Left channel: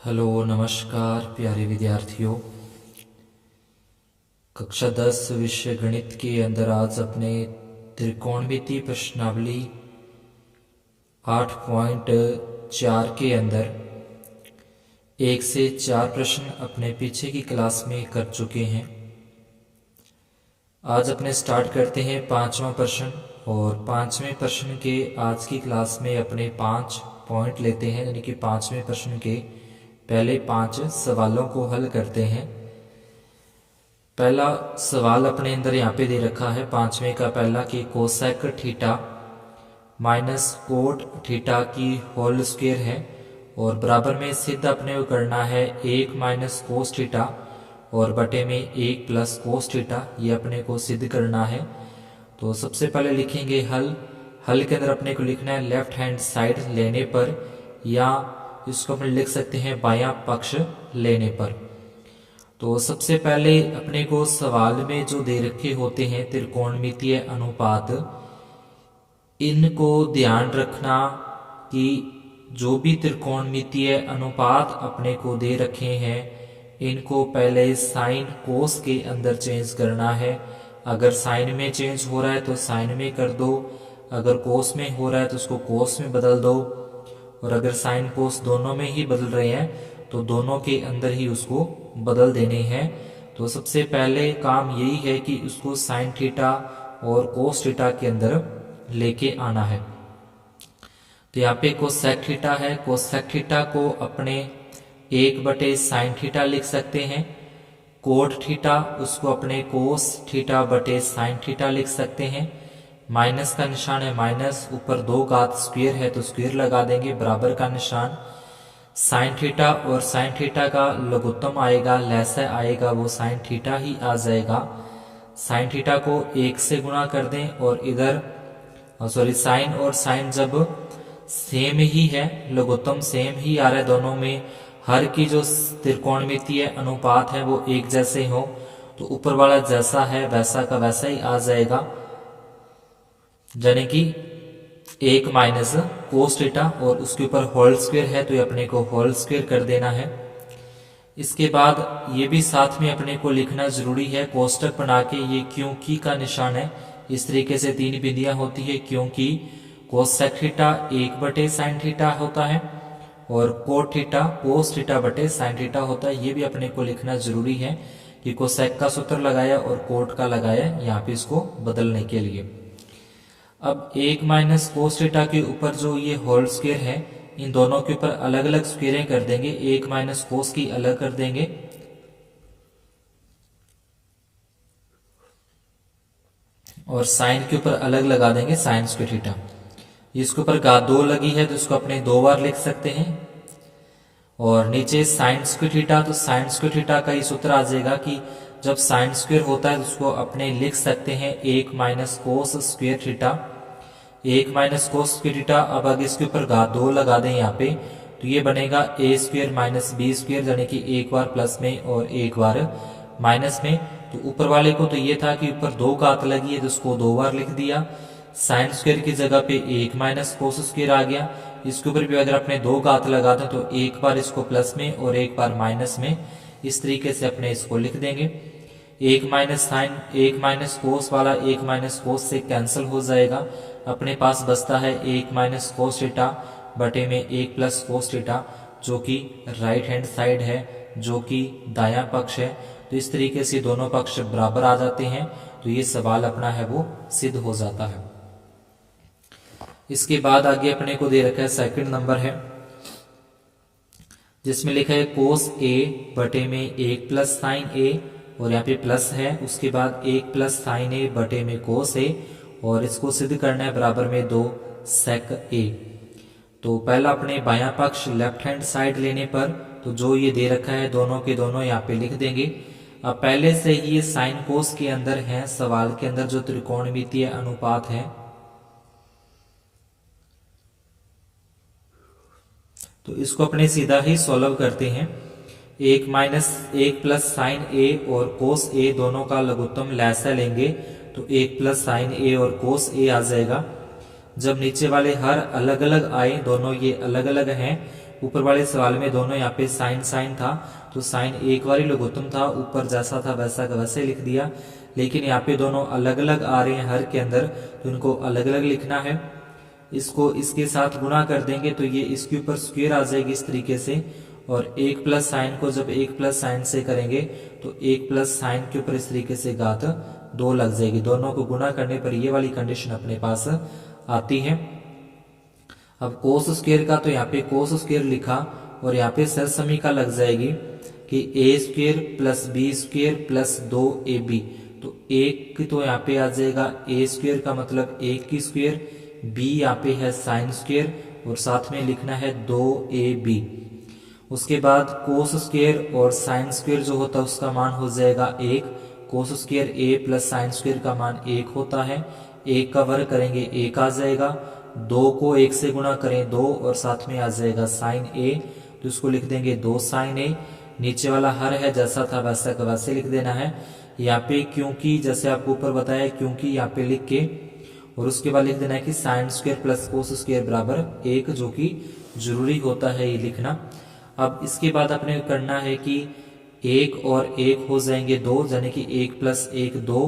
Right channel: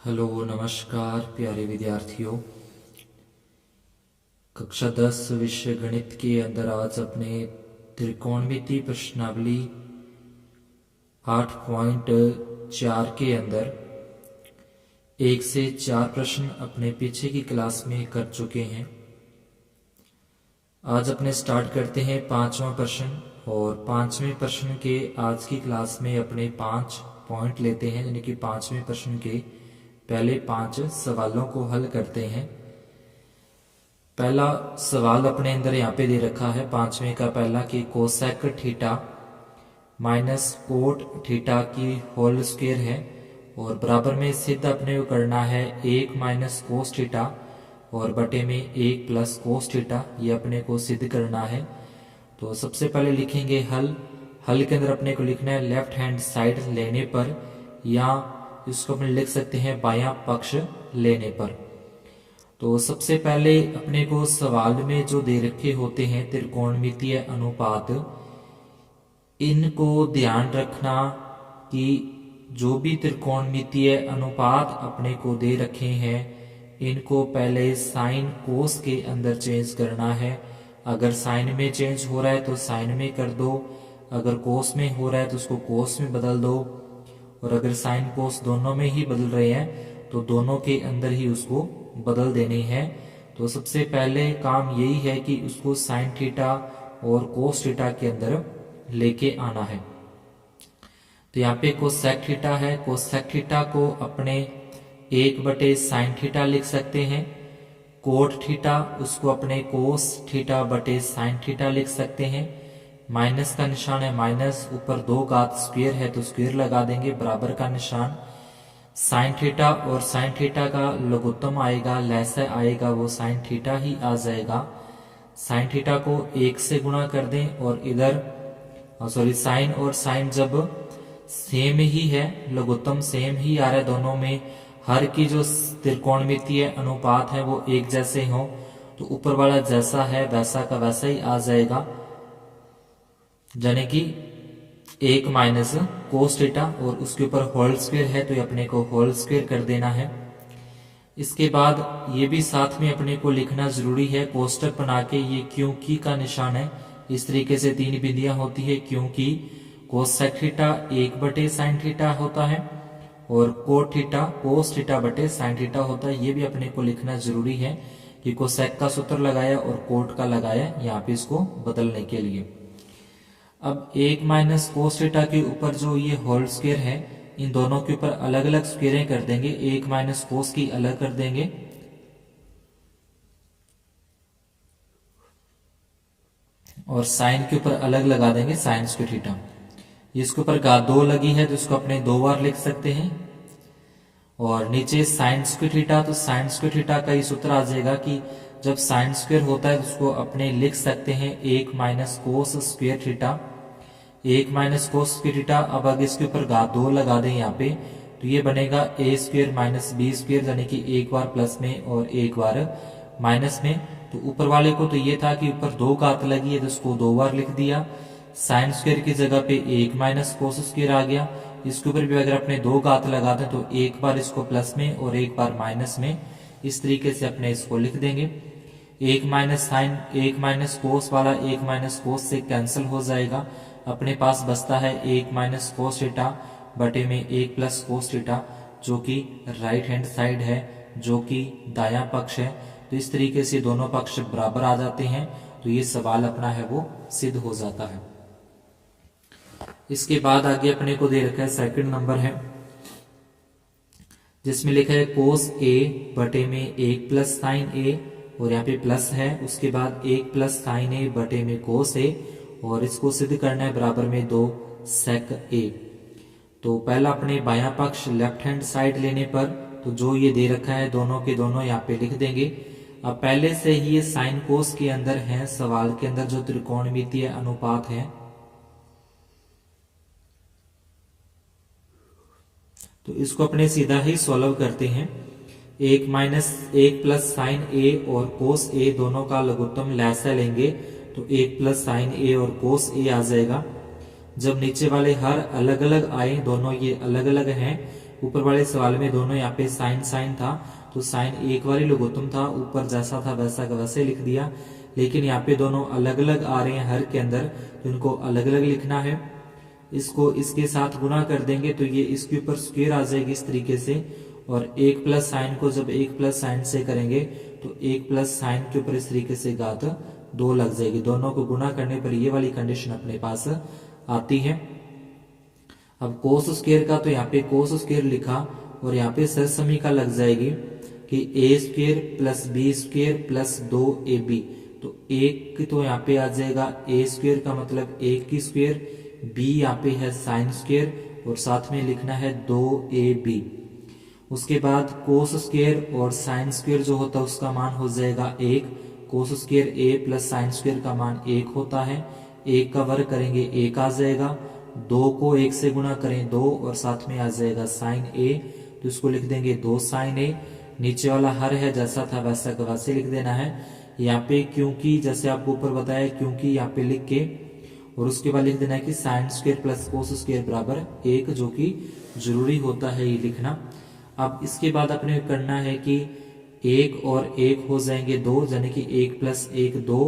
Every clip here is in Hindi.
हेलो नमस्कार प्यारे विद्यार्थियों। कक्षा 10 विषय गणित के अंदर आज अपने त्रिकोणमिति प्रश्नावली 8.4 के अंदर 1 से 4 प्रश्न अपने पीछे की क्लास में कर चुके हैं। आज अपने स्टार्ट करते हैं 5वां प्रश्न और 5वें प्रश्न के आज की क्लास में अपने 5 पॉइंट लेते हैं, यानी कि 5वें प्रश्न के पहले 5 सवालों को हल करते हैं। पहला सवाल अपने अंदर यहाँ पे दे रखा है 5वें का पहला कि cosec theta minus cot theta की होल स्क्वायर है और बराबर में सिद्ध अपने को करना है 1 माइनस कोस थीटा और बटे में 1 प्लस कोस थीटा, ये अपने को सिद्ध करना है। तो सबसे पहले लिखेंगे हल के अंदर अपने को लिखना है लेफ्ट हैंड साइड लेने पर, या इसको अपन लिख सकते हैं बायां पक्ष लेने पर। तो सबसे पहले अपने को सवाल में जो दे रखे होते हैं त्रिकोणमितीय अनुपात, इनको ध्यान रखना कि जो भी त्रिकोणमितीय अनुपात अपने को दे रखे हैं इनको पहले साइन कोस के अंदर चेंज करना है। अगर साइन में चेंज हो रहा है तो साइन में कर दो, अगर कोस में हो रहा है तो उसको कोस में बदल दो, और अगर साइन कोस दोनों में ही बदल रहे हैं तो दोनों के अंदर ही उसको बदल देने हैं। तो सबसे पहले काम यही है कि उसको साइन थीटा और कोस थीटा के अंदर लेके आना है। तो यहाँ पे कोसेक थीटा है, कोसेक थीटा को अपने 1/साइन थीटा लिख सकते हैं। कोट थीटा उसको अपने कोस थीटा बटे साइन थीटा लिख सकते हैं। माइनस का निशान है, माइनस ऊपर 2 घात स्क्वायर है तो स्क्वायर लगा देंगे, बराबर का निशान। साइन थीटा और साइन थीटा का लघुत्तम आएगा, लैसा आएगा, वो साइन थीटा ही आ जाएगा। साइन थीटा को 1 से गुणा कर दें और इधर साइन और साइन जब सेम ही है, लघुत्तम सेम ही आ रहा है दोनों में, हर की जो त्रिकोणमितीय अनुपात है वो एक जैसे हो तो ऊपर वाला जैसा है वैसा का वैसा ही आ जाएगा, यानी कि 1 माइनस कोस थीटा और उसके ऊपर होल स्क्वायर है तो ये अपने को होल स्क्वायर कर देना है। इसके बाद ये भी साथ में अपने को लिखना जरूरी है, कोष्टक बना के, ये क्योंकि का निशान है। इस तरीके से 3 बिंदियां होती है, क्योंकि कोसेक थीटा 1/साइन थीटा होता है और कोट थीटा कोस थीटा बटे साइन थीटा होता है। ये भी अपने को लिखना जरूरी है कि कोसेक का सूत्र लगाया और कोट का लगाया यहाँ पे इसको बदलने के लिए। अब 1 माइनस कोस थीटा के ऊपर जो ये होल स्क्वायर है इन दोनों के ऊपर अलग अलग स्क्वायरें कर देंगे। 1 माइनस कोस की अलग कर देंगे और साइन के ऊपर अलग लगा देंगे साइन स्क्वायर थीटा। इसके ऊपर घात 2 लगी है तो इसको अपने 2 बार लिख सकते हैं। और नीचे साइन स्क्वायर थीटा, तो साइन स्क्वायर थीटा का ये सूत्र आ जाएगा कि जब साइन स्क्वायर होता है तो उसको अपने लिख सकते हैं 1 minus cos square theta, 1 minus cos square theta. अब अगर इसके ऊपर घात 2 लगा दें यहाँ पे तो ये बनेगा a square minus b square, यानी कि एक बार प्लस में और एक बार माइनस में। तो ऊपर वाले को तो ये था कि ऊपर 2 घात लगी है तो उसको 2 बार लिख दिया। साइन स्क्वायर की जगह पे 1 माइनस कोस स्क्वायर आ गया। इसके ऊपर भी अगर अपने 2 घात लगा दें तो एक बार इसको प्लस में और एक बार माइनस में, इस तरीके से अपने इसको लिख देंगे। 1 माइनस साइन 1 माइनस कोस वाला 1 माइनस कोस से कैंसिल हो जाएगा, अपने पास बचता है 1 माइनस कोस थीटा बटे में 1 प्लस कोस थीटा, जो कि राइट हैंड साइड है, जो कि दायां पक्ष है। तो इस तरीके से दोनों पक्ष बराबर आ जाते हैं तो ये सवाल अपना है वो सिद्ध हो जाता है। इसके बाद आगे अपने को दे रखा है सेकंड नंबर है, जिसमें लिखा है कोस a बटे में 1 प्लस साइन a, और यहाँ पे प्लस है, उसके बाद 1 प्लस साइन a बटे में कोस a, और इसको सिद्ध करना है बराबर में 2 सेक a। तो पहला अपने बायां पक्ष लेफ्ट हैंड साइड लेने पर तो जो ये दे रखा है दोनों के दोनों यहाँ पे लिख देंगे। अब पहले से ही ये साइन कोस के अंदर है, सवाल के अंदर जो त्रिकोणमितीय अनुपात है तो इसको अपने सीधा ही सॉल्व करते हैं। 1 माइनस 1 प्लस साइन a और कोस a दोनों का लघुत्तम लैसा लेंगे तो 1 प्लस साइन a और कोस a आ जाएगा। जब नीचे वाले हर अलग अलग आए, दोनों ये अलग अलग हैं, ऊपर वाले सवाल में दोनों यहाँ पे साइन साइन था, तो साइन एक बार ही लघुत्तम था, ऊपर जैसा था वैसा का वैसे लिख दिया। लेकिन यहाँ पे दोनों अलग अलग आ रहे हैं हर के अंदर, तो इनको अलग अलग लिखना है। इसको इसके साथ गुणा कर देंगे तो ये इसके ऊपर स्क्वायर आ जाएगी इस तरीके से, और एक प्लस साइन को जब एक प्लस साइन से करेंगे तो एक प्लस साइन के ऊपर इस तरीके से घात 2 लग जाएगी। दोनों को गुणा करने पर ये वाली कंडीशन अपने पास आती है। अब कोस स्क्वायर का तो यहाँ पे कोस स्क्वायर लिखा, और यहाँ पे सरसमीका लग जाएगी कि a square plus b square plus 2ab। तो एक तो यहाँ पे आ जाएगा ए स्क्वायर का मतलब 1 की स्क्वायर, बी यहाँ पे है साइन स्क्वायर, और साथ में लिखना है 2ab। उसके बाद कोस स्क्वायर और साइन स्क्वायर जो होता है उसका मान हो जाएगा 1। कोस स्क्वायर ए प्लस साइन स्क्वायर का मान 1 होता है। 1 का वर्ग करेंगे 1 आ जाएगा, 2 को 1 से गुणा करें 2, और साथ में आ जाएगा साइन ए, तो इसको लिख देंगे 2 साइन ए। नीचे वाला हर है जैसा था वैसा का वैसे लिख देना है। यहाँ पे क्योंकि जैसे आपको ऊपर बताया क्योंकि यहाँ पे लिख के, और उसके बाद लिख देना है कि sine square plus cos square बराबर 1, जो कि जरूरी होता है ये लिखना। अब इसके बाद अपने करना है कि 1 और 1 हो जाएंगे 2, यानी कि 1 प्लस 1 2,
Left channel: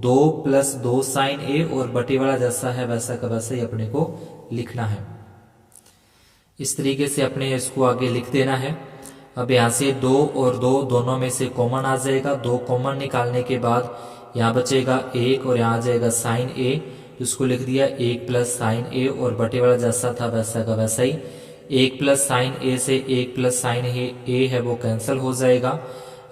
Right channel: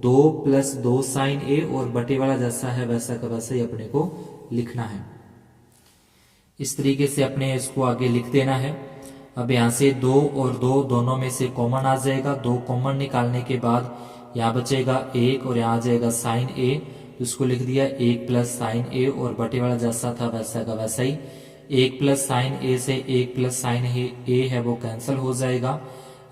2 प्लस 2 साइन ए, और बटे वाला जैसा है वैसा का वैसा ही अपने को लिखना है। इस तरीके से अपने इसको आगे लिख देना है। अब यहाँ से 2 और 2 दोनों में से कॉमन आ जाएगा, 2 कॉमन निकालने के बाद यहाँ बचेगा 1 और यहाँ आ जाएगा साइन ए, तो इसको लिख दिया 1 प्लस साइन ए, और बटे वाला जैसा था वैसा का वैसा ही। 1 प्लस साइन ए से 1 प्लस साइन ए है वो कैंसिल हो जाएगा।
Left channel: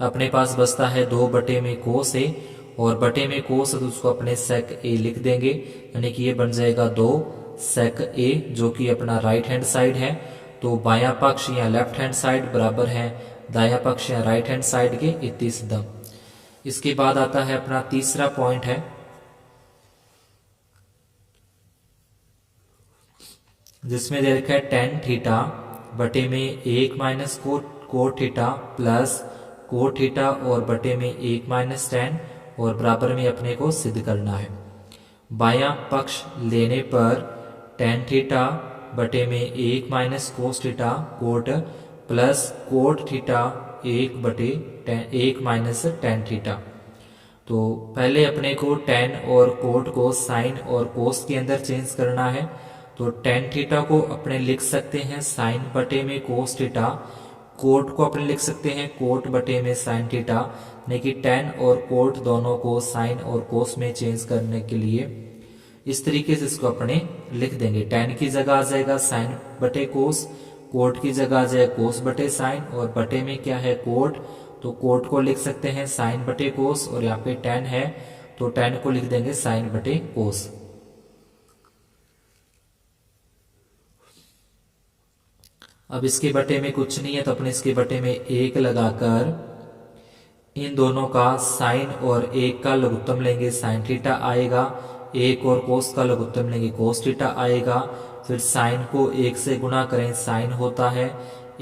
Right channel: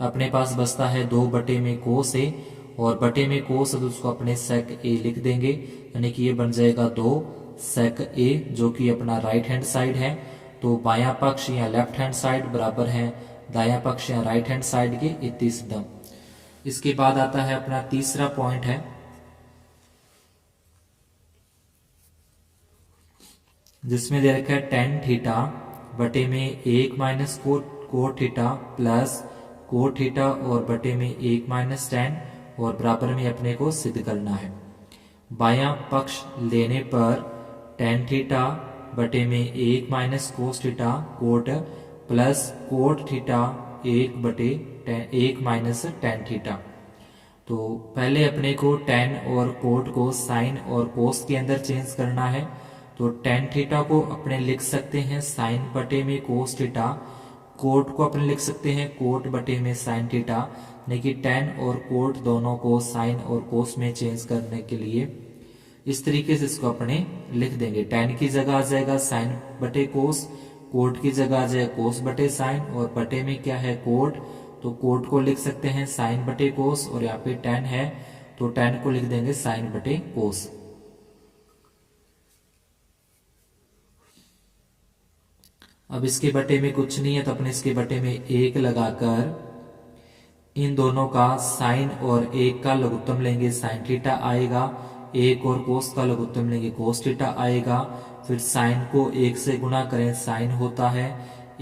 अपने पास बचता है 2 बटे में कोस ए, और बटे में कोस है तो उसको अपने सेक ए लिख देंगे, यानी कि ये बन जाएगा 2 सेक ए, जो कि अपना राइट हैंड साइड है। तो बायां पक्ष या लेफ्ट हैंड साइड बराबर है दायां पक्ष या राइट हैंड साइड के, इतनी सिद्धम। इसके बाद आता है अपना तीसरा पॉइंट है, जिसमें दे रखा है टेन थीटा बटे में 1 minus cot theta plus cot theta, और बटे में 1 माइनस टेन, और बराबर में अपने को सिद्ध करना है। बायां पक्ष लेने पर टेन थीटा बटे में 1 minus cos theta coat plus cot theta 1 बटे 1 माइनस टेन थीटा। तो पहले अपने को टेन और कोट को साइन और कोस के अंदर चेंज करना है। तो टेन थीटा को अपने लिख सकते हैं साइन बटे में कोस थीटा, कोट को अपने लिख सकते हैं कोट बटे में साइन थीटा, यानी कि टेन और कोट दोनों को साइन और कोस में चेंज करने के लिए इस तरीके से इसको अपने लिख देंगे। टेन की जगह आ जाएगा साइन बटे कोस, कोट की जगह आ जाएगा कोस बटे साइन, और बटे में क्या है कोट, तो कोट को लिख सकते हैं साइन बटे कोस, और यहाँ पे टेन है तो टेन को लिख देंगे साइन बटे कोस। अब इसके बटे में कुछ नहीं है तो अपने इसके बटे में 1 लगाकर इन दोनों का साइन और 1 का लघुत्तम लेंगे, साइन थीटा आएगा। 1 और कोस का लघुत्तम लेंगे, कोस थीटा आएगा। फिर साइन को 1 से गुणा करें, साइन होता है।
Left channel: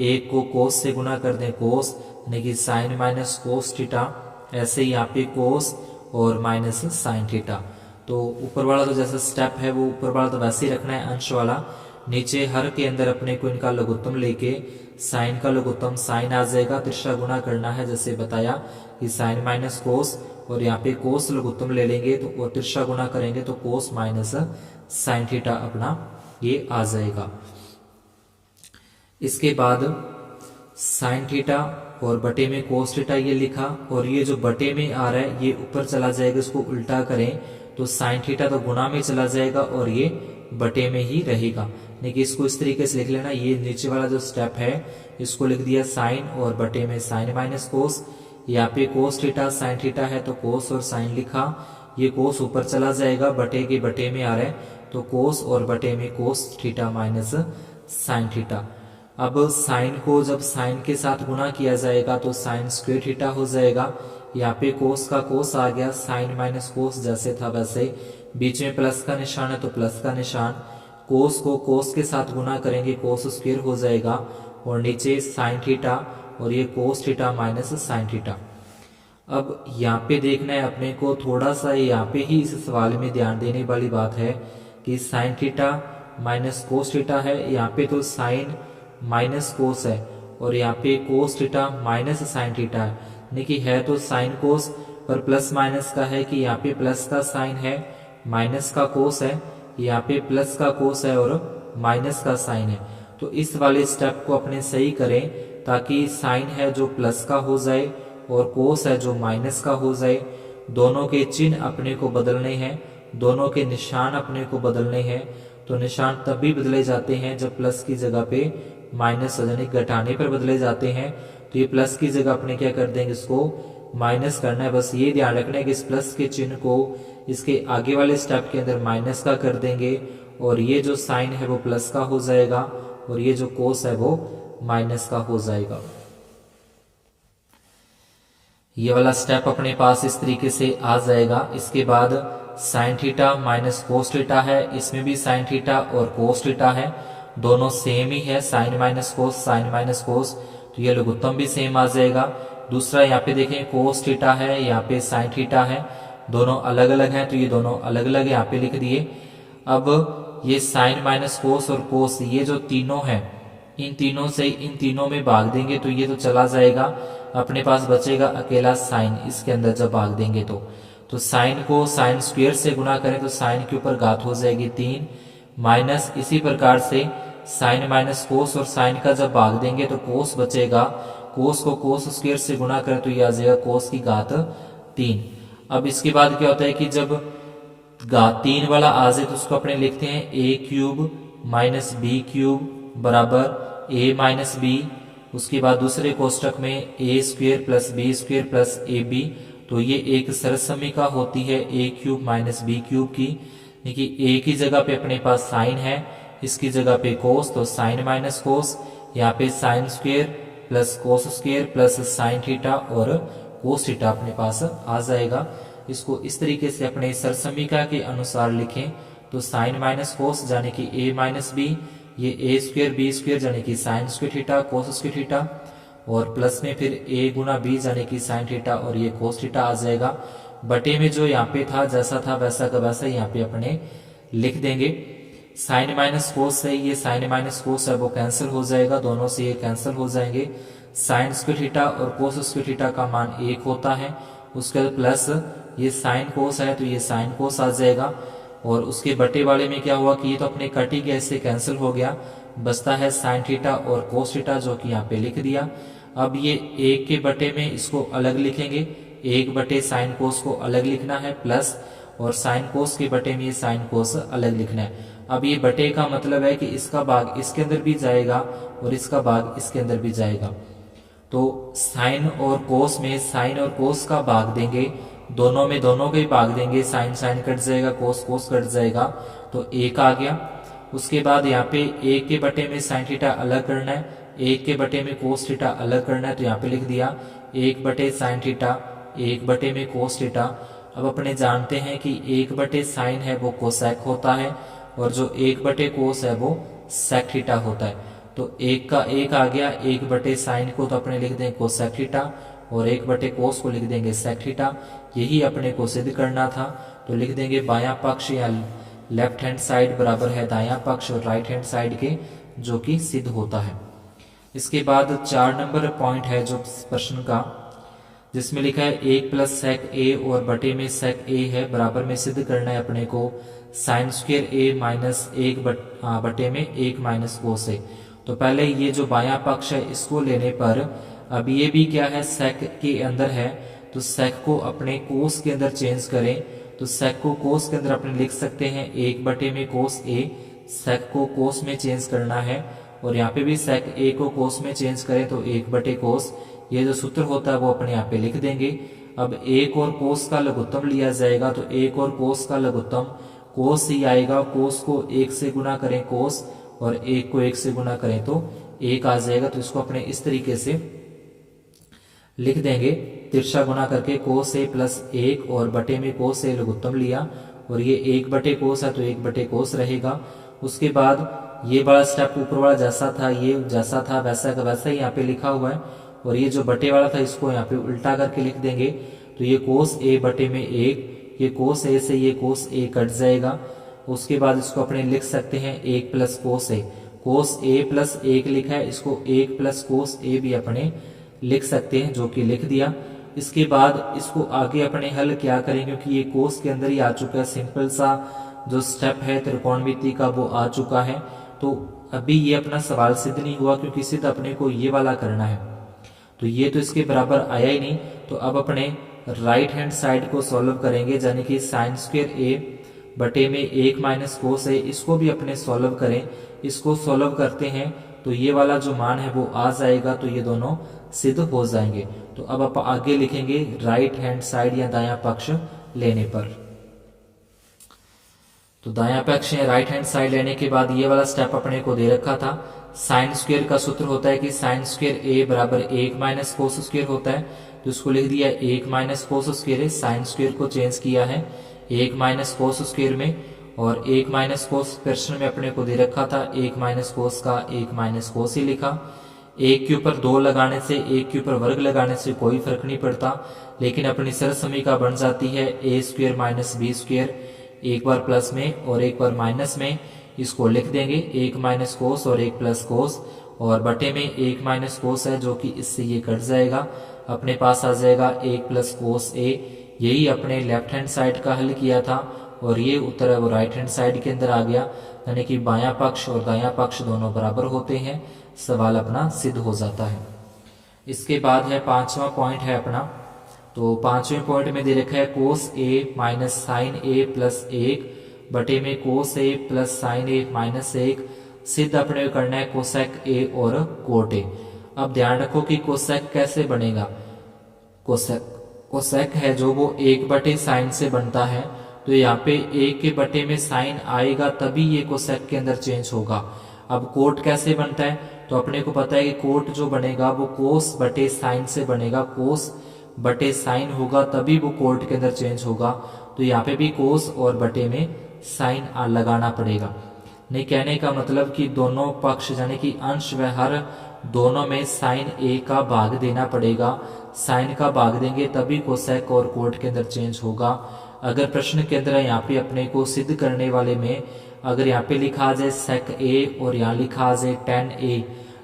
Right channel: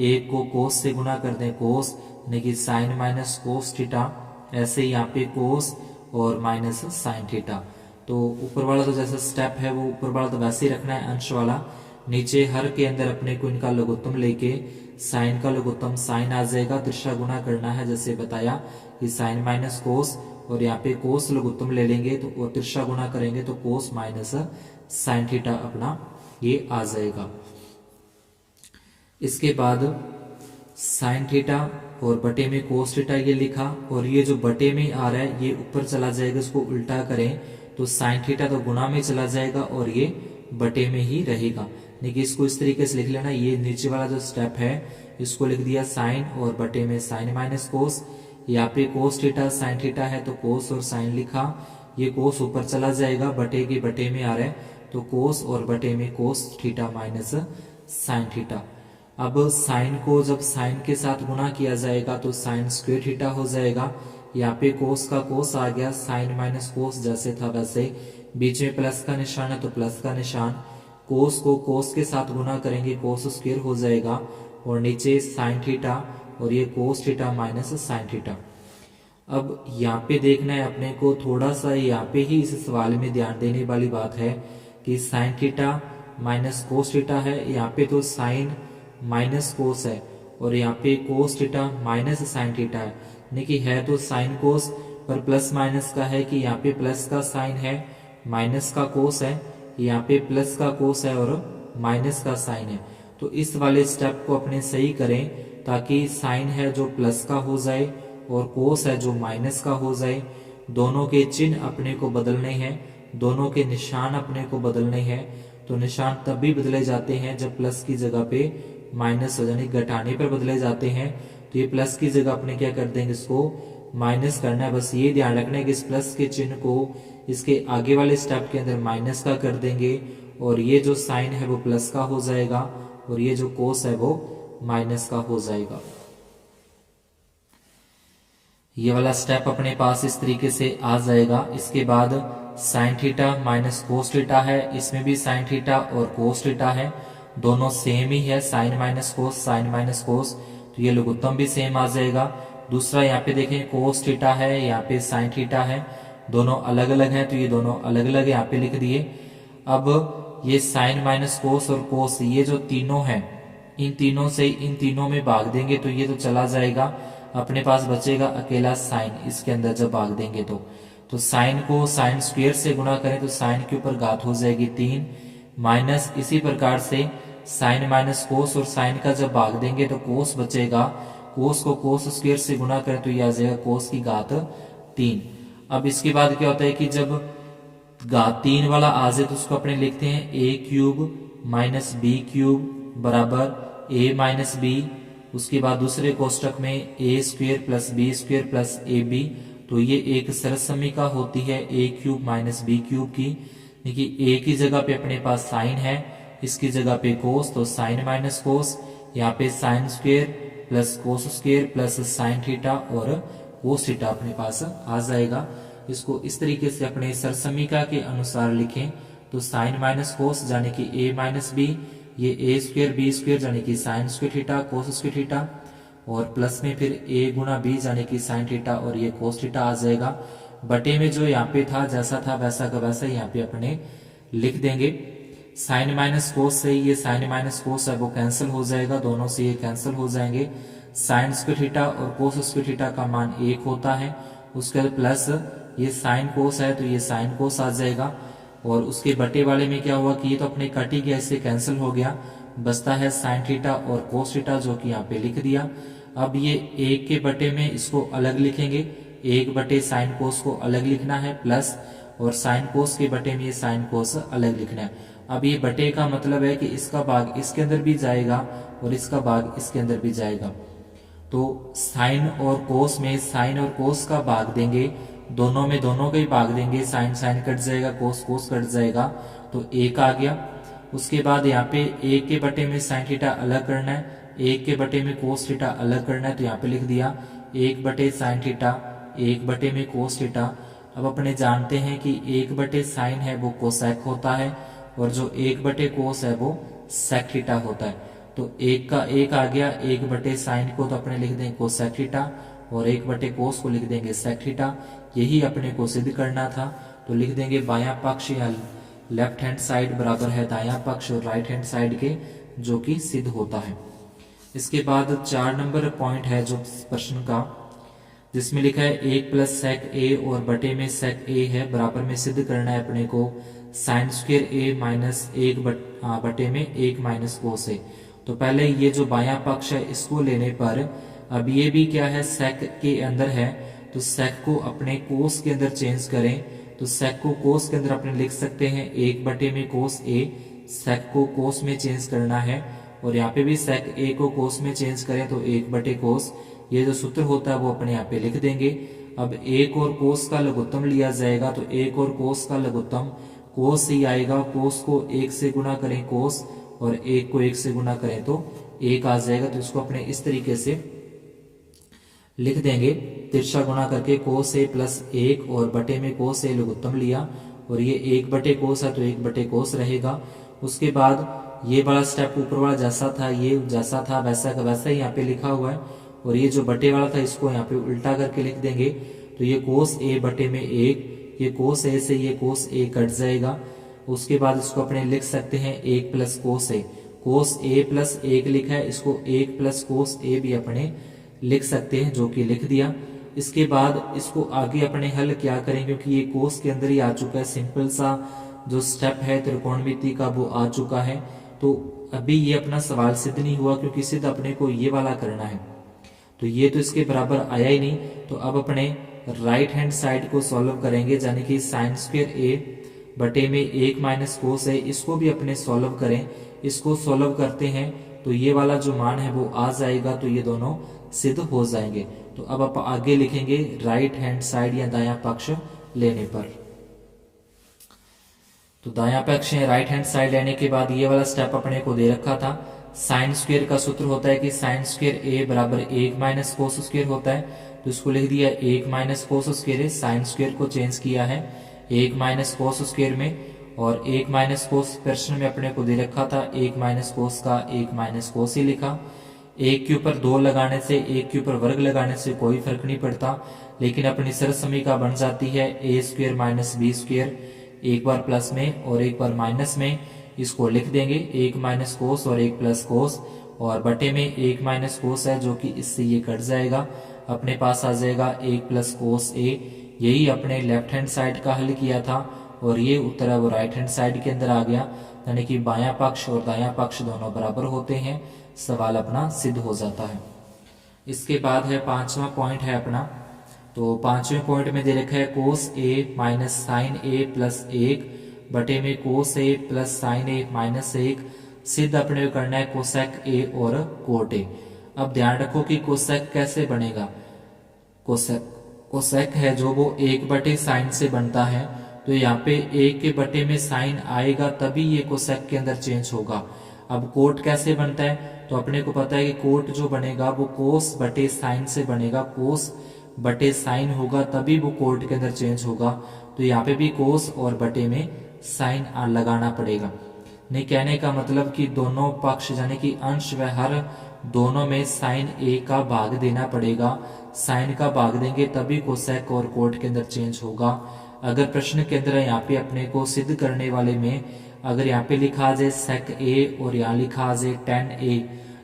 1 को कोस से गुणा कर दें, कोस, यानी कि साइन माइनस कोस थीटा। ऐसे ही यहाँ पे कोस और माइनस साइन थीटा। तो ऊपर वाला तो जैसा स्टेप है वो ऊपर वाला तो वैसे ही रखना है, अंश वाला। नीचे हर के अंदर अपने को इनका लघुत्तम लेके साइन का लघुत्तम साइन आ जाएगा, तिरछा गुणा करना है जैसे बताया कि साइन माइनस कोस, और यहाँ पे कोस लघुत्तम ले लेंगे तो और तिरछा गुणा करेंगे तो कोस माइनस साइन थीटा अपना ये आ जाएगा। इसके बाद साइन थीटा और बटे में कोस थीटा ये लिखा, और ये जो बटे में आ रहा है ये ऊपर चला जाएगा, इसको उल्टा करें तो साइन थीटा तो गुणा में चला जाएगा और ये बटे में ही रहेगा। लेकिन इसको इस तरीके से लिख लेना, ये नीचे वाला जो स्टेप है इसको लिख दिया साइन और बटे में साइन माइनस कोस। यहाँ पे कोस थीटा साइन थीटा है तो कोस और साइन लिखा, ये कोस ऊपर चला जाएगा, बटे के बटे में आ रहा है तो कोस और बटे में cos theta minus sine theta. अब साइन को जब साइन के साथ गुणा किया जाएगा तो साइन स्क्वायर थीटा हो जाएगा। यहाँ पे कोस का कोस आ गया, साइन माइनस कोस जैसे था वैसे, बीच में प्लस का निशान है तो प्लस का निशान। कोस को कोस के साथ गुणा करेंगे, कोस स्क्वायर हो जाएगा, और नीचे साइन थीटा और ये cos theta minus sine theta. अब यहाँ पे देखना है अपने को थोड़ा सा, यहाँ पे ही इस सवाल में ध्यान देने वाली बात है कि sine theta minus cos theta है। यहाँ पे तो साइन माइनस कोस है और यहाँ पे cos theta minus sine theta है, यानी कि है तो साइन कोस पर प्लस माइनस का है कि यहाँ पे प्लस का साइन है माइनस का कोस है, यहाँ पे प्लस का कोस है और माइनस का साइन है। तो इस वाले स्टेप को अपने सही करें ताकि साइन है जो प्लस का हो जाए और कोस है जो माइनस का हो जाए। दोनों के चिन्ह अपने को बदलने हैं, दोनों के निशान अपने को बदलने हैं। तो निशान तब भी बदले जाते हैं जब प्लस की जगह पे माइनस हो, यानी घटाने पर बदले जाते हैं। तो ये प्लस की जगह अपने क्या कर देंगे, इसको माइनस करना है। बस ये ध्यान रखना है कि इस प्लस के चिन्ह को इसके आगे वाले स्टेप के अंदर माइनस का कर देंगे और ये जो साइन है वो प्लस का हो जाएगा और ये जो कोस है वो माइनस का हो जाएगा। ये वाला स्टेप अपने पास इस तरीके से आ जाएगा। इसके बाद sine theta minus cos theta है, इसमें भी साइन थीटा और कोस थीटा है, दोनों सेम ही है, sine minus cos sine minus cos, तो ये लघुत्तम भी सेम आ जाएगा। दूसरा यहाँ पे देखें कोस थीटा है, यहाँ पे साइन थीटा है, दोनों अलग अलग हैं तो ये दोनों अलग अलग यहाँ पे लिख दिए। अब ये साइन माइनस कोस और कोस ये जो तीनों हैं इन तीनों से इन तीनों में भाग देंगे तो ये तो चला जाएगा, अपने पास बचेगा अकेला साइन इसके अंदर जब भाग देंगे तो साइन को साइन स्क्वायर से गुना करें तो साइन के ऊपर घात हो जाएगी 3 माइनस इसी प्रकार से साइन माइनस कोस और साइन का जब भाग देंगे तो कोस बचेगा, कोस को कोस स्क्वायर से गुना करें तो ये आ जाएगा कोस की घात 3। अब इसके बाद क्या होता है कि जब घात 3 वाला आ जाए तो उसको अपने लिखते हैं a cube minus b cube बराबर ए माइनस बी। उसके बाद दूसरे कोष्टक में a square plus b square plus a b, तो ये एक सरसमीका होती है a cube minus b cube की। देखिए ए की जगह पे अपने पास साइन है, इसकी जगह पे कोस, तो साइन माइनस कोस, यहाँ पे sine square plus cos square plus sine theta और कोस थीटा अपने पास आ जाएगा। इसको इस तरीके से अपने सरसमीका के अनुसार लिखें तो साइन माइनस कोस यानी कि ए माइनस बी, ये ए स्क्वायर बी स्क्वायर यानी कि sine square theta cos square theta और प्लस में फिर ए गुना बी यानी कि साइन थीटा और ये कोस थीटा आ जाएगा। बटे में जो यहाँ पे था जैसा था वैसा का वैसा यहाँ पे अपने लिख देंगे। साइन माइनस कोस से ये साइन माइनस कोस है वो कैंसिल हो जाएगा, दोनों से ये कैंसिल हो जाएंगे। साइन स्क्वायर थीटा और कोस स्क्वायर थीटा का मान 1 होता है, उसके बाद प्लस ये साइन कोस है तो ये साइन कोस आ जाएगा और उसके बटे वाले में क्या हुआ कि ये तो अपने कट ही गया, इससे कैंसिल हो गया, बचता है साइन थीटा और कोस थीटा जो कि यहाँ पे लिख दिया। अब ये 1 के बटे में इसको अलग लिखेंगे, 1 बटे साइन कोस को अलग लिखना है प्लस और साइन कोस के बटे में ये साइन कोस अलग लिखना है। अब ये बटे का मतलब है कि इसका भाग इसके अंदर भी जाएगा और इसका भाग इसके अंदर भी जाएगा। तो साइन और कोस में साइन और कोस का भाग देंगे, दोनों में दोनों का ही भाग देंगे, साइन साइन कट जाएगा कोस कोस कट जाएगा तो 1 आ गया। उसके बाद यहाँ पे 1 के बटे में साइन थीटा अलग करना है, 1 के बटे में कोस थीटा अलग करना है, तो यहाँ पे लिख दिया 1 बटे साइन थीटा 1 बटे में कोस थीटा। अब अपने जानते हैं कि 1 बटे साइन है वो कोसेक होता है और जो 1 बटे कोस है वो सेक थीटा होता है। तो 1 का 1 आ गया, 1 बटे साइन को तो अपने लिख देंगे कोसेक थीटा और 1 बटे कोस को लिख देंगे सेक थीटा। यही अपने को सिद्ध करना था, तो लिख देंगे बायां पक्ष या लेफ्ट हैंड साइड बराबर है दायां पक्ष और राइट हैंड साइड के, जो कि सिद्ध होता है। इसके बाद 4 नंबर पॉइंट है जो प्रश्न का, जिसमें लिखा है 1 प्लस सेक ए और बटे में सेक ए है, बराबर में सिद्ध करना है अपने को साइन स्क्वायर ए माइनस 1 बटे में 1 माइनस कोस ए। तो पहले ये जो बायां पक्ष है इसको लेने पर, अब ये भी क्या है सेक के अंदर है, तो सेक को अपने कोस के अंदर चेंज करें, तो सेक को कोस के अंदर अपने लिख सकते हैं 1 बटे में कोस ए, सेक को कोस में चेंज करना है और यहाँ पे भी सेक ए को कोस में चेंज करें तो 1 बटे कोस, ये जो सूत्र होता है वो अपने यहाँ पे लिख देंगे। अब 1 और कोस का लघुत्तम लिया जाएगा, तो 1 और कोस का लघुत्तम कोस ही आएगा, कोस को 1 से गुना करें कोस और 1 को 1 से गुना करें तो 1 आ जाएगा। तो इसको अपने इस तरीके से लिख देंगे, तिरछा गुना करके कोस ए प्लस 1 और बटे में कोस ए लघुत्तम लिया और ये 1 बटे कोस है तो 1 बटे कोस रहेगा। उसके बाद ये बड़ा स्टेप ऊपर वाला जैसा था, ये जैसा था वैसा का वैसा ही यहाँ पे लिखा हुआ है और ये जो बटे वाला था इसको यहाँ पे उल्टा करके लिख देंगे, तो ये कोस ए बटे में 1, ये कोस ए से ये कोस ए कट जाएगा। उसके बाद इसको अपने लिख सकते हैं 1 प्लस कोस ए, कोस ए प्लस 1 लिखा है, इसको 1 प्लस कोस ए भी अपने लिख सकते हैं, जो कि लिख दिया। इसके बाद इसको आगे अपने हल क्या करें, क्योंकि ये कोस के अंदर ही आ चुका है, सिंपल सा जो स्टेप है त्रिकोणमिति का वो आ चुका है। तो अभी ये अपना सवाल सिद्ध नहीं हुआ, क्योंकि सिद्ध अपने को ये वाला करना है, तो ये तो इसके बराबर आया ही नहीं। तो अब अपने राइट हैंड साइड को सॉल्व करेंगे, यानी कि साइन स्क्वायर ए बटे में 1 माइनस कोस है, इसको भी अपने सॉल्व करें। इसको सॉल्व करते हैं तो ये वाला जो मान है वो आ जाएगा, तो ये दोनों सिद्ध हो जाएंगे। तो अब आप आगे लिखेंगे राइट हैंड साइड या दायां पक्ष लेने पर। तो दायां पक्ष या राइट हैंड साइड लेने के बाद ये वाला स्टेप अपने को दे रखा था। साइन स्क्वायर का सूत्र होता है कि साइन स्क्वायर ए बराबर 1 माइनस कोस स्क्वायर होता है, तो इसको लिख दिया 1 माइनस कोस स्क्वायर है। साइन स्क्वायर को चेंज किया है 1 माइनस कोस स्क्वायर में, और 1 माइनस कोस प्रश्न में अपने को दे रखा था 1 माइनस कोस का 1 माइनस कोस ही लिखा। 1 के ऊपर 2 लगाने से, 1 के ऊपर वर्ग लगाने से कोई फर्क नहीं पड़ता, लेकिन अपनी सरल समीकरण बन जाती है ए स्क्वायर माइनस बी स्क्वायर, एक बार प्लस में और एक बार माइनस में। इसको लिख देंगे 1 माइनस कोस और 1 प्लस कोस, और बटे में 1 माइनस कोस है, जो कि इससे ये कट जाएगा, अपने पास आ जाएगा 1 प्लस कोस ए। यही अपने लेफ्ट हैंड साइड का हल किया था, और ये उत्तर है वो राइट हैंड साइड के अंदर आ गया, यानी कि बायां पक्ष और दायां पक्ष दोनों बराबर होते हैं। सवाल अपना सिद्ध हो जाता है। इसके बाद है 5वां पॉइंट है अपना। तो 5वें पॉइंट में दे रखा है कोस ए माइनस साइन ए प्लस 1 बटे में कोस ए प्लस साइन ए माइनस 1। सिद्ध अपने को करना है कोसेक ए और कोट ए। अब ध्यान रखो कि कोसेक कैसे बनेगा। कोसेक है जो वो 1 बटे साइन से बनता है, तो यहाँ पे 1 के बटे में साइन आएगा तभी ये कोसेक के अंदर चेंज होगा। अब कोट कैसे बनता है, तो अपने को पता है कि कोट जो बनेगा वो कोस बटे साइन से बनेगा, कोस बटे साइन होगा तभी वो कोट के अंदर चेंज होगा। तो यहाँ पे भी कोस और बटे में साइन लगाना पड़ेगा। नहीं, कहने का मतलब कि दोनों पक्ष यानी कि अंश व हर दोनों में साइन ए का भाग देना पड़ेगा। साइन का भाग देंगे तभी कोसेक और कोट के अंदर चेंज होगा। अगर प्रश्न के अंदर यहाँ पे अपने को सिद्ध करने वाले में अगर यहाँ पे लिखा आ जाए सेक ए और यहाँ लिखा आ जाए tan ए,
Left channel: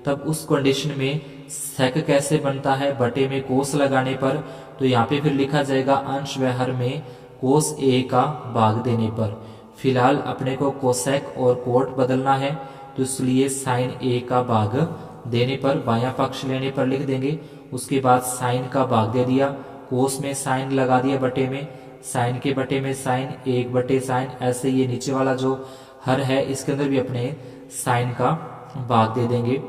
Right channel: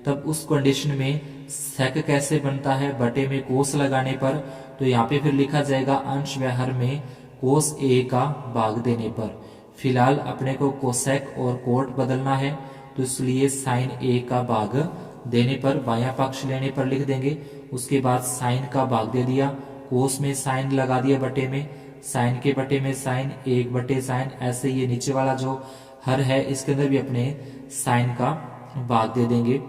तब उस कंडीशन में सेक कैसे बनता है, बटे में कोस लगाने पर। तो यहाँ पे फिर लिखा जाएगा अंश व हर में कोस ए का भाग देने पर। फिलहाल अपने को कोसेक और कोट बदलना है, तो इसलिए साइन ए का भाग देने पर बायां पक्ष लेने पर लिख देंगे। उसके बाद साइन का भाग दे दिया, कोस में साइन लगा दिया बटे में, साइन के बटे में साइन, 1 बटे साइन। ऐसे ये नीचे वाला जो हर है इसके अंदर भी अपने साइन का भाग दे देंगे।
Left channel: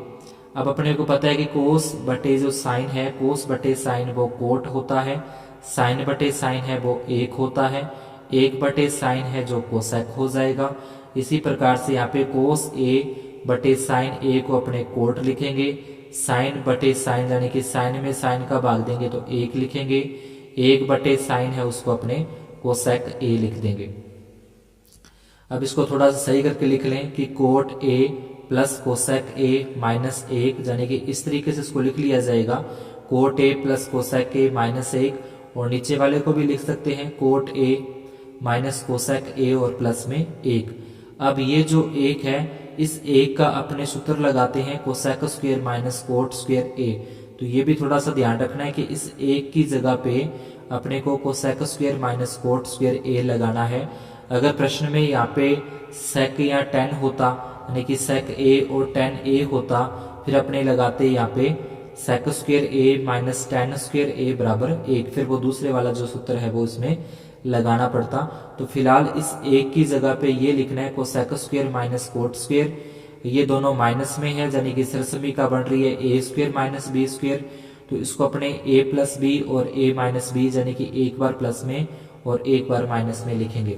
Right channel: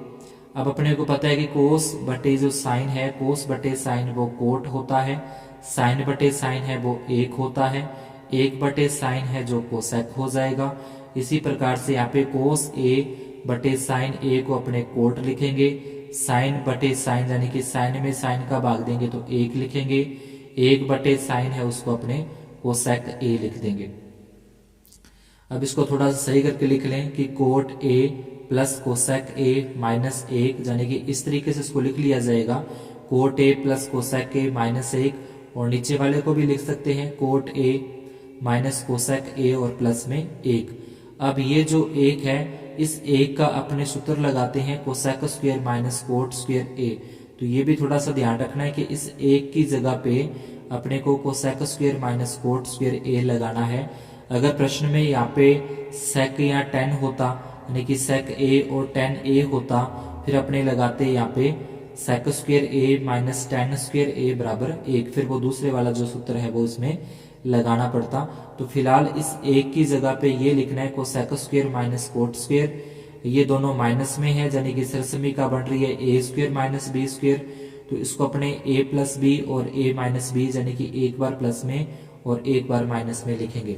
अब अपने को पता है कि कोस बटे जो साइन है, कोस बटे साइन वो कोट होता है, साइन बटे साइन है वो 1 होता है, 1 बटे साइन है जो कोसेक हो जाएगा। इसी प्रकार से यहाँ पे कोस ए बटे साइन ए को अपने कोट लिखेंगे, साइन बटे साइन यानी कि साइन में साइन का भाग देंगे तो 1 लिखेंगे, 1 बटे साइन है उसको अपने कोसेक ए लिख देंगे। अब इसको थोड़ा सा सही करके लिख लें कि cot A plus cosec A minus 1, यानी कि इस तरीके से इसको लिख लिया जाएगा cot A plus cosec A minus 1, और नीचे वाले को भी लिख सकते हैं कोट ए माइनस कोसेक ए और प्लस में 1। अब ये जो 1 है इस 1 का अपने सूत्र लगाते हैं cosec square minus cot square A. तो ये भी थोड़ा सा ध्यान रखना है कि इस 1 की जगह पे अपने को cosec square minus cot square A लगाना है। अगर प्रश्न में यहाँ पे सेक या tan होता, यानी कि सेक ए और tan ए होता, फिर अपने लगाते यहाँ पे सेक स्क्वायर ए माइनस tan स्क्वायर ए बराबर 1, फिर वो दूसरे वाला जो सूत्र है वो इसमें लगाना पड़ता। तो फिलहाल इस 1 की जगह पे ये लिखना है cosec square minus cot square. ये दोनों माइनस में है, यानी कि सरसमीका बन रही है ए स्क्वायर माइनस बी स्क्वायर। तो इसको अपने ए प्लस बी और ए माइनस बी यानी कि एक बार प्लस में और एक बार माइनस में लिखेंगे।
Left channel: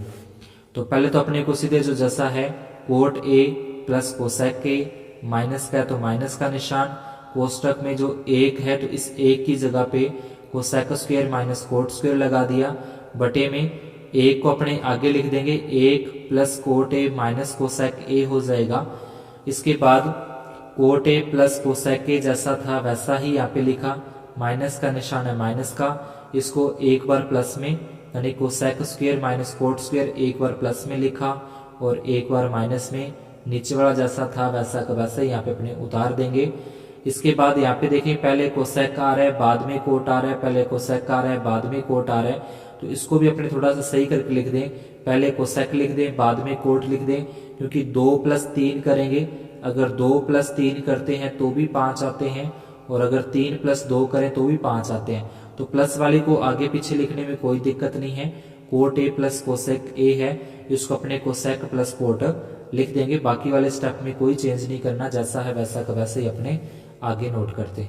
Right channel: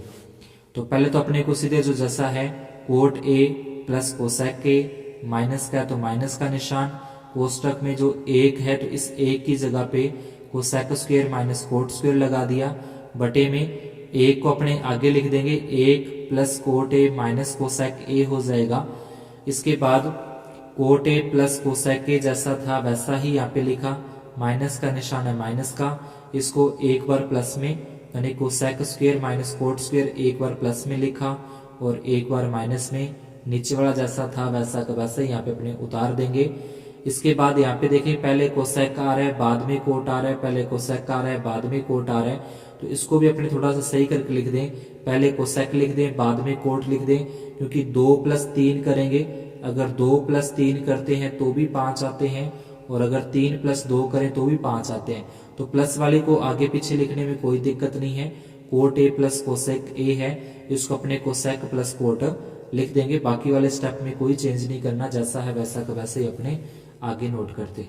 तो पहले तो अपने को सीधे जो जैसा है cot A plus cosec A, minus का है तो माइनस का निशान, कोष्टक में जो 1 है तो इस 1 की जगह पे cosec square minus cot square लगा दिया, बटे में 1 को अपने आगे लिख देंगे, 1 plus cot A minus cosec ए हो जाएगा। इसके बाद कोट ए प्लस कोसेक ए जैसा था वैसा ही यहाँ पे लिखा, माइनस का निशान है माइनस का, इसको एक बार प्लस में यानी cosec square minus cot square एक बार प्लस में लिखा और एक बार माइनस में, नीचे वाला जैसा था वैसा का वैसा ही यहाँ पे अपने उतार देंगे। इसके बाद यहाँ पे देखिए पहले कोसेक आ रहा है बाद में कोट आ रहा है, पहले कोसेक आ रहा है बाद में कोट आ रहा है, तो इसको भी अपने थोड़ा सा सही करके लिख दें। पहले कोसेक लिख दें बाद में कोट लिख दें, क्योंकि 2 + 3 करेंगे, अगर 2 + 3 करते हैं तो भी 5 आते हैं, और अगर 3 + 2 करें तो भी 5 आते हैं। तो प्लस वाले को आगे पीछे लिखने में कोई दिक्कत नहीं है। कोट ए प्लस कोसेक ए है, इसको अपने कोसेक प्लस कोट लिख देंगे। बाकी वाले स्टेप में कोई चेंज नहीं करना, जैसा है वैसा का वैसे ही अपने आगे नोट करते।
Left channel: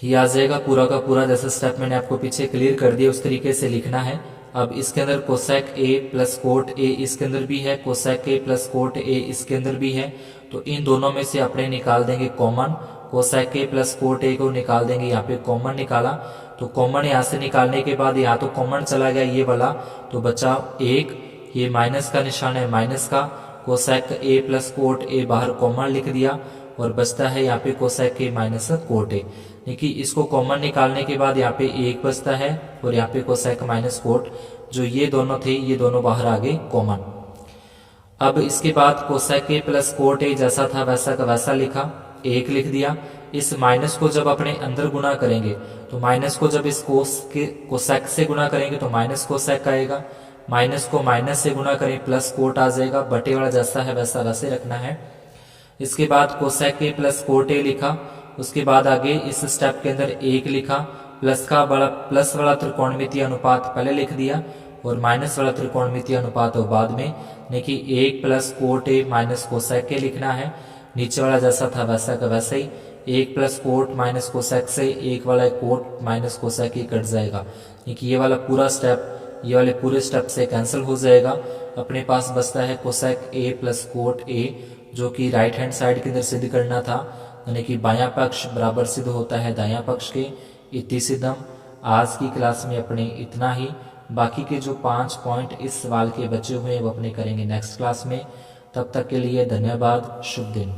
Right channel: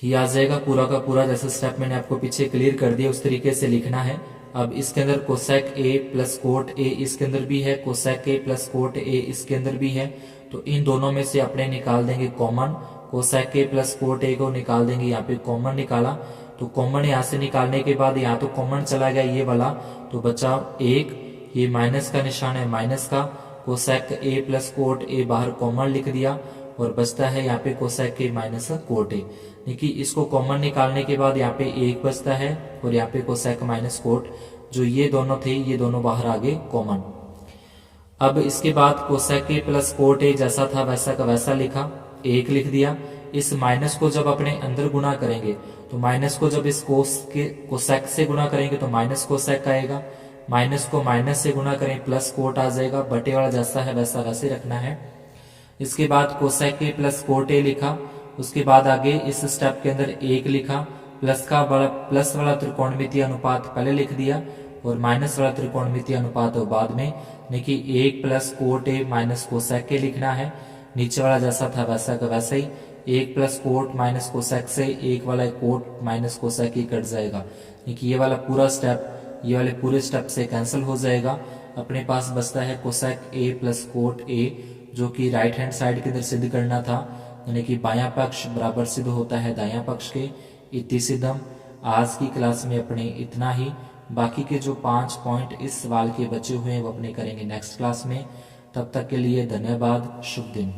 ये आ जाएगा पूरा का पूरा, जैसा स्टेप मैंने आपको पीछे क्लियर कर दिया उस तरीके से लिखना है। अब इसके अंदर कोसेक ए प्लस कोट ए इसके अंदर भी है, कोसेक ए प्लस कोट ए इसके अंदर भी है, तो इन दोनों में से अपने निकाल देंगे कॉमन। कोसेक ए प्लस कोट ए को निकाल देंगे, यहाँ पे कॉमन निकाला, तो कॉमन यहाँ से निकालने के बाद यहाँ तो कॉमन चला गया ये वाला, तो बचा 1, ये माइनस का निशान है माइनस का। कोसेक ए प्लस कोट ए बाहर कॉमन लिख दिया, और बचता है यहाँ पे cosec A minus cot A. देखिए इसको कॉमन निकालने के बाद यहाँ पे 1 बचता है, और यहाँ पे कोसेक माइनस कोट, जो ये दोनों थे ये दोनों बाहर आ गए कॉमन। अब इसके बाद कोसेक ए प्लस कोट ए जैसा था वैसा का वैसा लिखा, 1 लिख दिया। इस माइनस को जब अपने अंदर गुना करेंगे, तो माइनस को जब इस कोसेक से गुना करेंगे तो माइनस कोसेक आएगा, माइनस को माइनस से गुना करें प्लस कोट आ जाएगा। बटे वाला जैसा है वैसा वैसे रखना है। इसके बाद कोसेक ए प्लस कोट ए लिखा, उसके बाद आगे इस स्टेप के अंदर 1 लिखा, प्लस वाला त्रिकोणमितीय अनुपात पहले लिख दिया, और माइनस वाला त्रिकोणमितीय अनुपात बाद में। देखिए 1 plus cot A minus cosec A लिखना है, नीचे वाला जैसा था वैसा का वैसा ही। 1 प्लस कोट माइनस कोसेक से 1 वाला cot minus cosec A cut जाएगा। देखिए ये वाला पूरा स्टेप ये वाले पूरे स्टेप से कैंसिल हो जाएगा। अपने पास बचता है कोसेक ए प्लस कोट ए, जो कि राइट हैंड साइड के अंदर सिद्ध करना था, यानी कि बायां पक्ष बराबर सिद्ध होता है दायां पक्ष के। इति सिद्धम। आज की क्लास में अपने इतना ही। बाकी के जो 5 पॉइंट इस सवाल के बचे हुए हैं वो अपने करेंगे नेक्स्ट क्लास में। तब तक के लिए धन्यवाद। शुभ दिन।